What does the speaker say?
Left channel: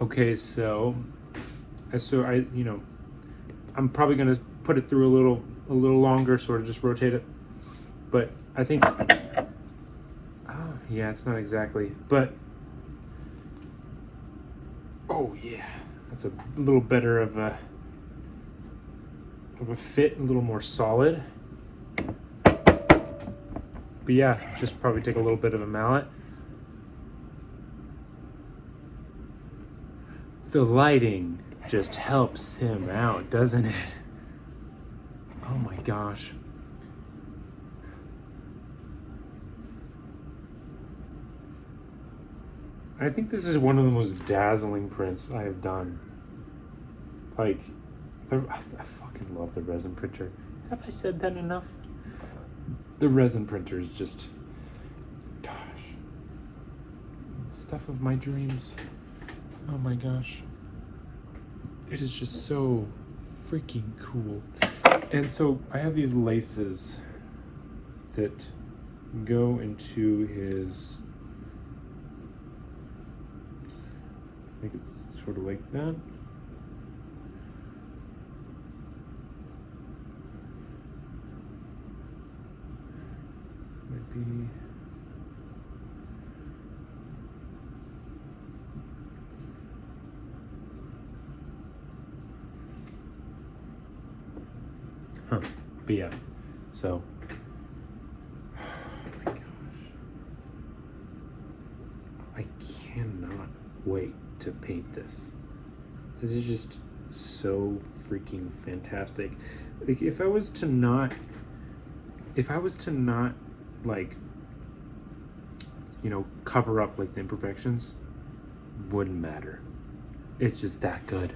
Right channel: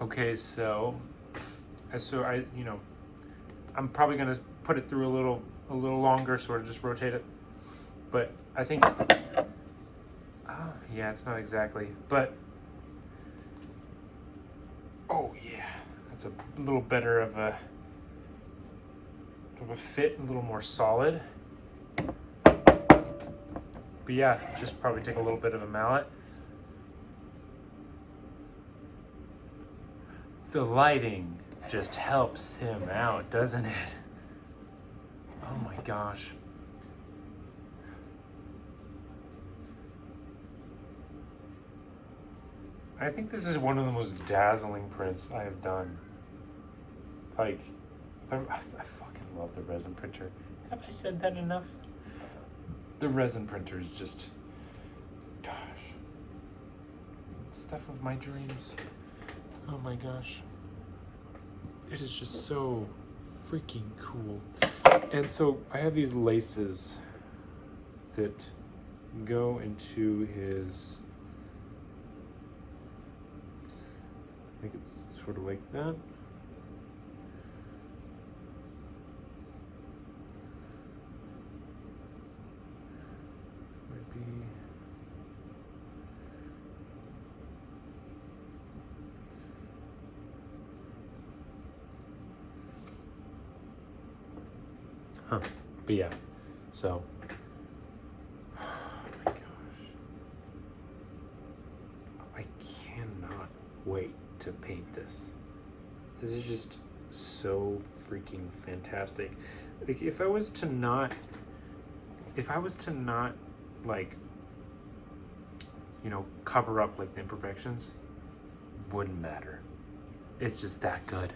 Okay, so I'm probably gonna put it through a little longer, sort of just rotate it. But I think, yeah, it's not exactly, but oh yeah, that's a little better of a fit, a little more solid. But yeah, just probably take a little bit of a mallet. The lighting just helps him out, doesn't it? Oh my gosh. I think this is one of the most dazzling prints I have done. Like, I fucking love the resin printer. Have I said that enough? The resin printer is just, gosh, stuff of my dreams. Oh my gosh. It is just so freaking cool. And so I have these laces that go into his, I think it's sort of like that. Might be, but yeah, so, oh my gosh, I cannot wait to paint this. This is just so freaking fantastic. Like, if I was to not like, cover up like the imperfections, wouldn't matter. It's just that good.